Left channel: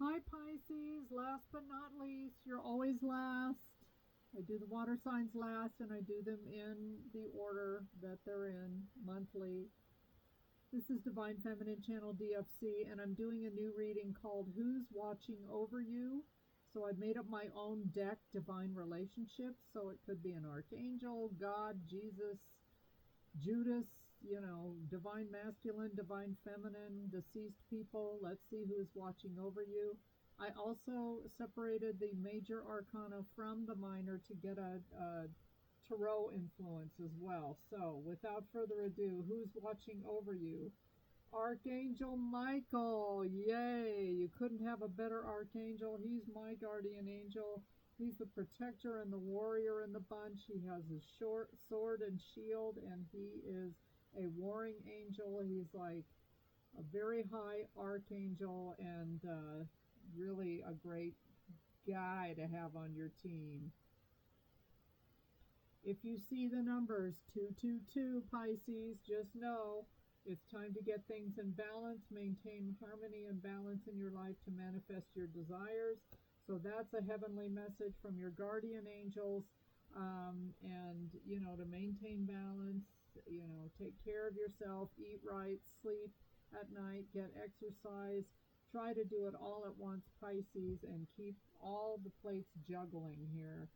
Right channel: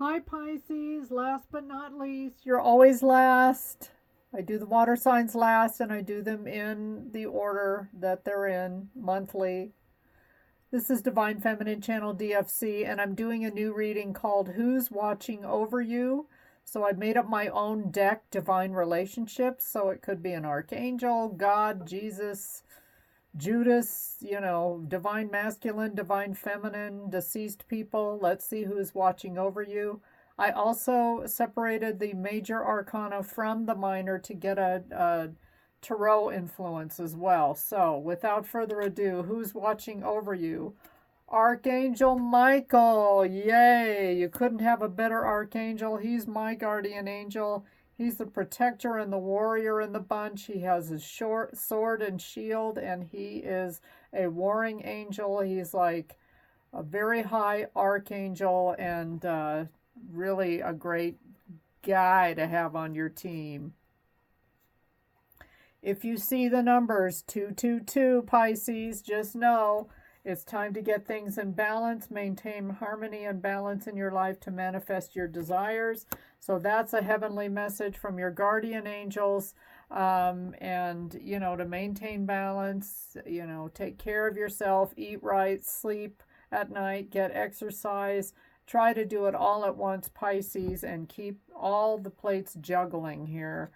Hi Pisces, last but not least. You're always last. I do the water signs last and I do them in the order that they're in monthly. This is Divine Feminine Channel DFC and I'm doing a new reading called Who's Watching Over You? So I've made up my own deck, Divine Relationships. So it could be an archangel, God, Jesus, Judas, divine masculine, divine feminine, deceased people. Let's see who's watching over you. I also separated the major arcana from the minor to get a tarot influence as well. So, without further ado, who's watching over you? Archangel Michael. Yay! You couldn't have a better archangel. He's my guardian angel. He's the protector and the warrior in the bunch. He has his short sword and shield, and he is a warring angel. He's like a very high archangel and really a great guy to have on your team. If you see the numbers 222 Pisces, just know it's time to get things in balance, maintain harmony and balance in your life to manifest your desires. So that's a heavenly message from your guardian angels. And, to maintain balance, take care of yourself, eat right, sleep at night, get exercise. Try to do it all at once, Pisces, and keep all the plates juggling here.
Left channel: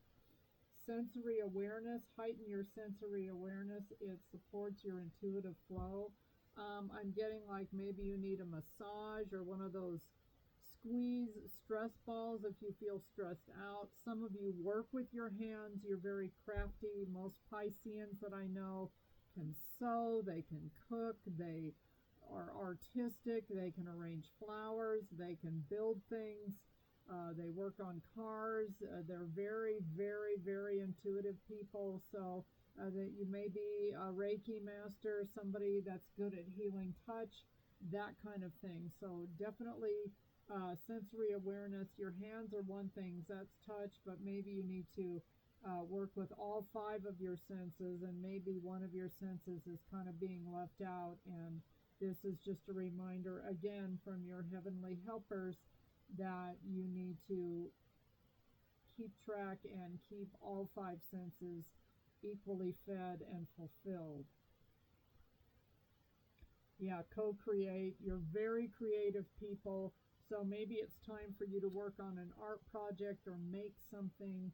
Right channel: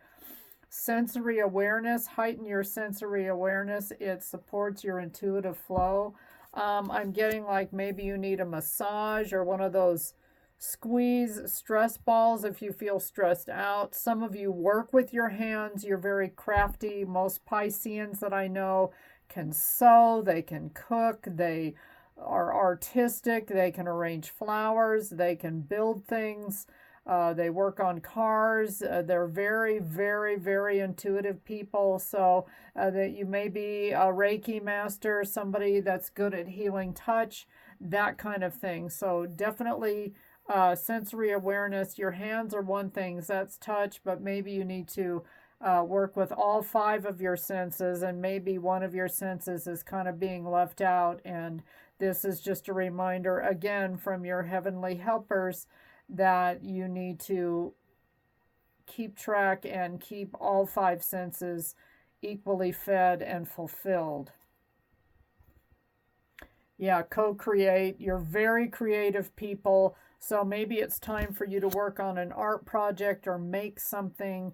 Sensory awareness, heighten your sensory awareness. It supports your intuitive flow. I'm getting like maybe you need a massage or one of those squeeze stress balls if you feel stressed out. Some of you work with your hands. You're very crafty. Most Pisceans that I know can sew, they can cook, they are artistic, they can arrange flowers, they can build things. They work on cars. They're very, very, very intuitive people. So that you may be a Reiki master, somebody that's good at healing touch, that kind of thing. So definitely sensory awareness. Your hands are one thing, that's touch, but maybe you need to work with all five of your senses, and maybe one of your senses is kind of being left out. And this is just a reminder again from your heavenly helpers that you need to keep track and keep all five senses equally fed and fulfilled. Yeah, co-create. You're very creative people. So maybe it's time for you to work on an art project or make something.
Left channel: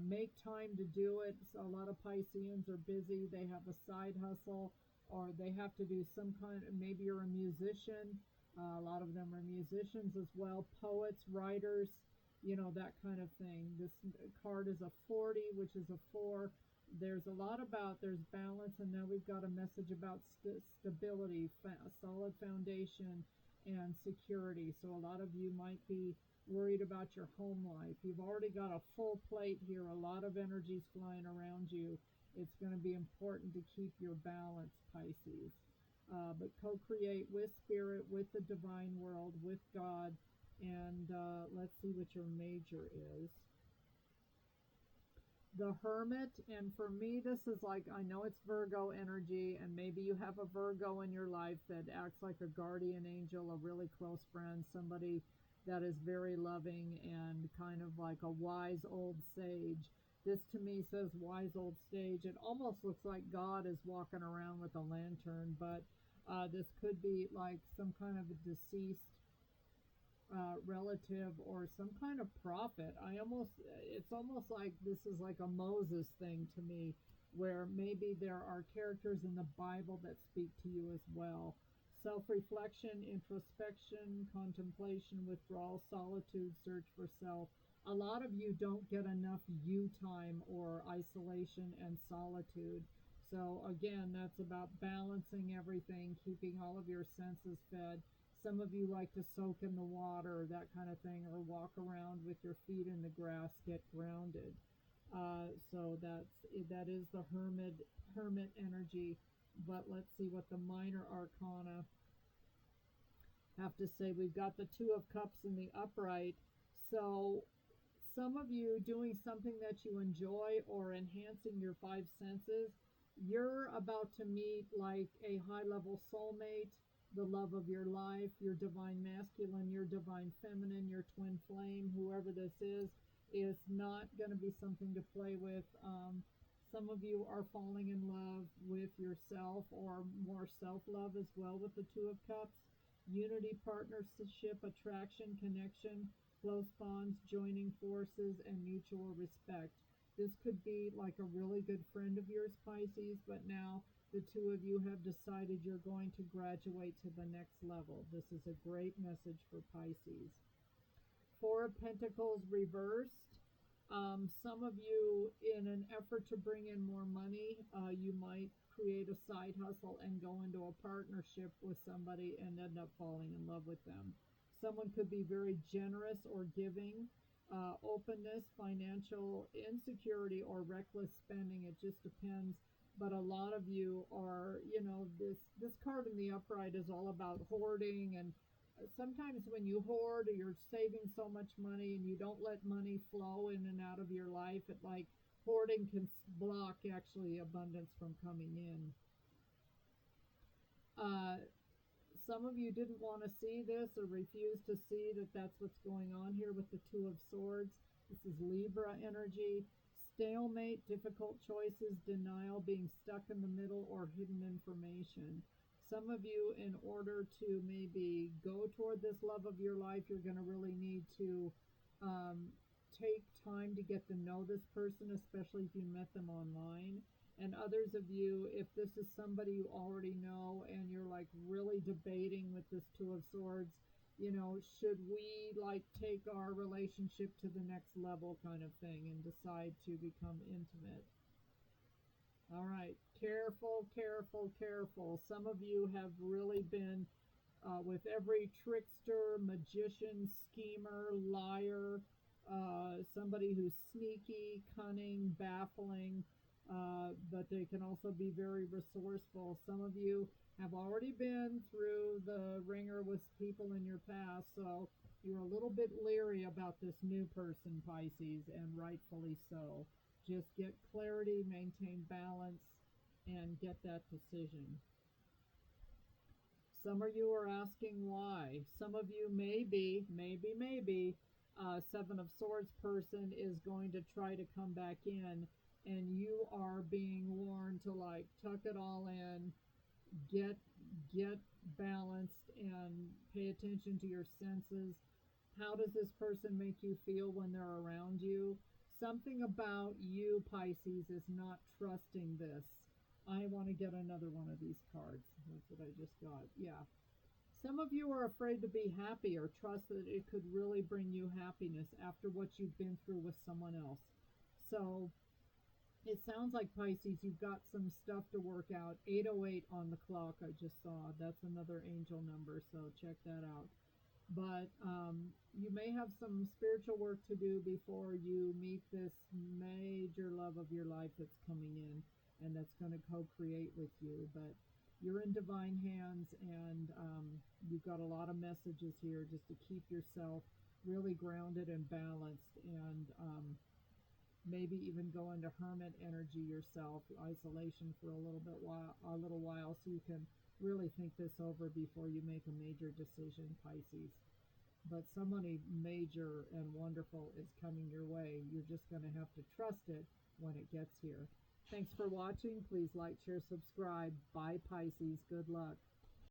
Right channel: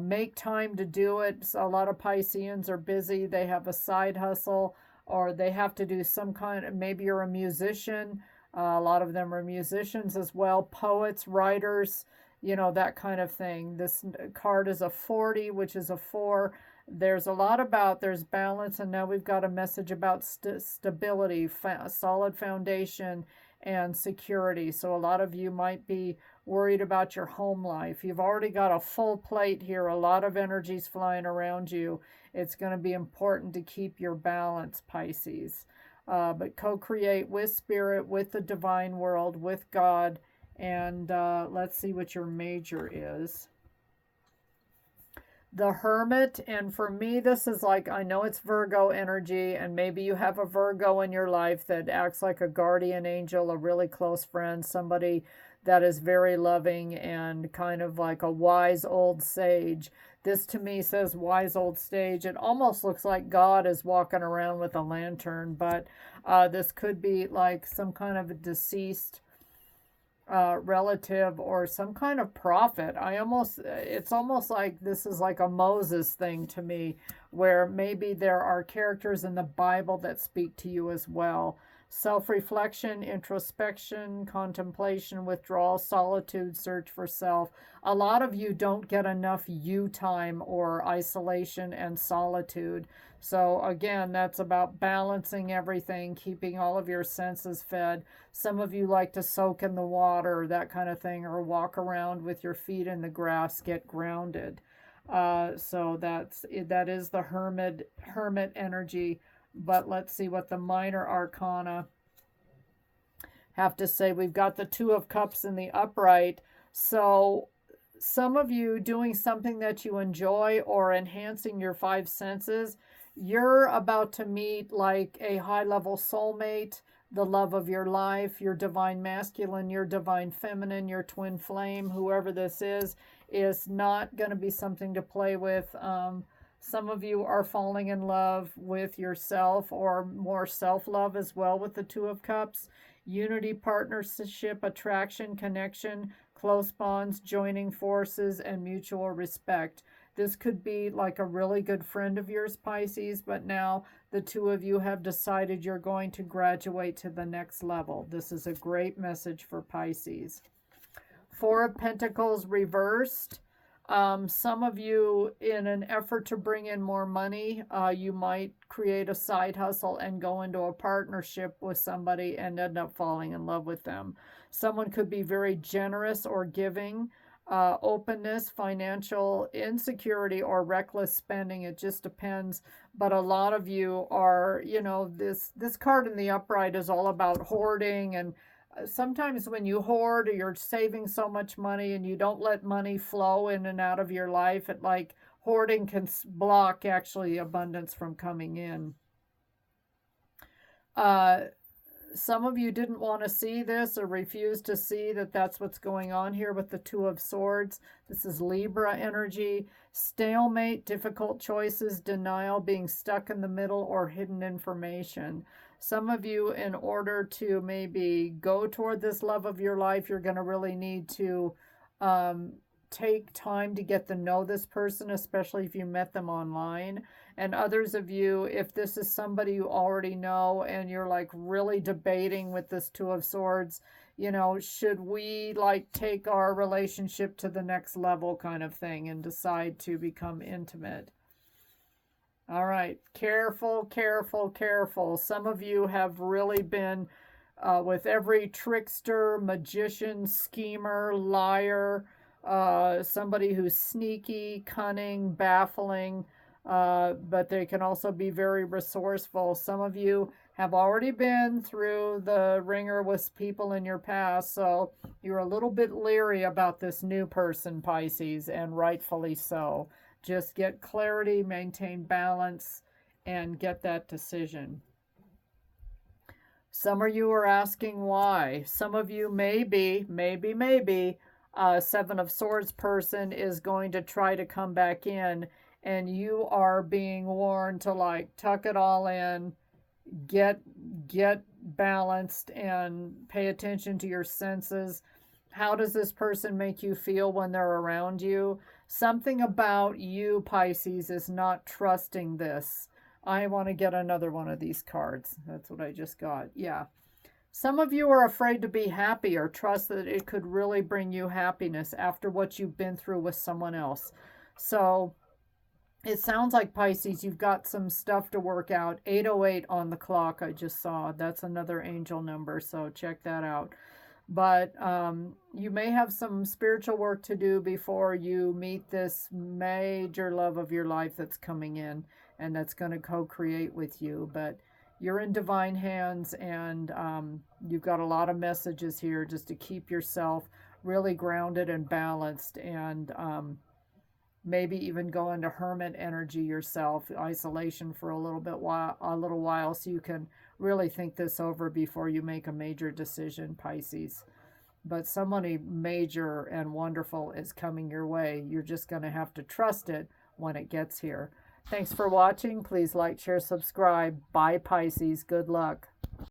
Make time to do it. So a lot of Pisceans are busy. They have a side hustle or they have to do some kind of, maybe you're a musician. A lot of them are musicians as well, poets, writers, that kind of thing. This card is a 40, which is a 4. There's a lot about, there's balance, and now we've got a message about stability, solid foundation, and security. So a lot of you might be worried about your home life. You've already got a full plate here, a lot of energies flying around you. It's going to be important to keep your balance, Pisces. But co-create with spirit, with the divine world, with God. And let's see what your major is. The Hermit. And for me, this is like, I know it's Virgo energy, and maybe you have a Virgo in your life that acts like a guardian angel, a really close friend, somebody that is very loving and kind of like a wise old sage. This to me says wise old sage. It almost looks like God is walking around with a lantern, but this could be like some kind of a deceased relative or some kind of prophet. It's almost like this is like a Moses thing to me, where maybe there are characters in the Bible that speak to you as well. Self-reflection, introspection, contemplation, withdrawal, solitude, search for self. A lot of you don't get enough you time or isolation and solitude. So again, that's about balancing everything, keeping all of your senses fed. Some of you like to soak in the water, that kind of thing, or walk around with your feet in the grass, get grounded. So that is the hermit energy. But let's see what the minor arcana have to say. We've got the Two of Cups in the upright. So some of you doing something that you enjoy or enhancing your five senses, you're about to meet like a high level soulmate the love of your life, your divine masculine, your divine feminine, your twin flame, whoever this is not going to be something to play with. Some of you are falling in love with yourself, or more self-love as well with the Two of Cups. Unity, partnership, attraction, connection, close bonds, joining forces, and mutual respect. This could be like a really good friend of yours, Pisces, but now the two of you have decided you're going to graduate to the next level. This is a great message for Pisces. Four of Pentacles reversed. Some of you, in an effort to bring in more money, you might create a side hustle and go into a partnership with somebody and end up falling in love with them. Someone could be very generous or giving. Openness, financial insecurity, or reckless spending. It just depends. But a lot of you are, you know, this card in the upright is all about hoarding, and sometimes when you hoard, or you're saving so much money and you don't let money flow in and out of your life, it like hoarding can block actually abundance from coming in. Some of you didn't want to see this or refused to see that that's what's going on here with the Two of Swords. This is Libra energy. Stalemate, difficult choices, denial, being stuck in the middle, or hidden information. Some of you, in order to maybe go toward this love of your life, you're going to really need to take time to get to know this person, especially if you met them online. And others of you, if this is somebody you already know and you're like really debating with this Two of Swords, you know, should we like take our relationship to the next level kind of thing and decide to become intimate. All right, careful, careful, careful. Some of you have really been with every trickster, magician, schemer, liar, somebody who's sneaky, cunning, baffling, but they can also be very resourceful. Some of you have already been through the ringer with people in your past, so you're a little bit leery about this new person, Pisces, and rightfully so. Just get clarity, maintain balance, and get that decision. Some of you are asking why. Some of you maybe, Seven of Swords person is going to try to come back in, and you are being warned to like tuck it all in, get balanced, and pay attention to your senses. How does this person make you feel when they're around you? Something about you, Pisces, is not trusting this. I want to get another one of these cards. That's what I just got. Yeah. Some of you are afraid to be happy or trust that it could really bring you happiness after what you've been through with someone else. So it sounds like, Pisces, you've got some stuff to work out. 808 on the clock I just saw. That's another angel number, so check that out. But you may have some spiritual work to do before you meet this major love of your life that's coming in and that's going to co-create with you. But you're in divine hands, and you've got a lot of messages here just to keep yourself really grounded and balanced, and maybe even go into hermit energy yourself, isolation for a little while, so you can really think this over before you make a major decision, Pisces. But somebody major and wonderful is coming your way. You're just going to have to trust it when it gets here. Thanks for watching. Please like, share, subscribe. Bye, Pisces. Good luck.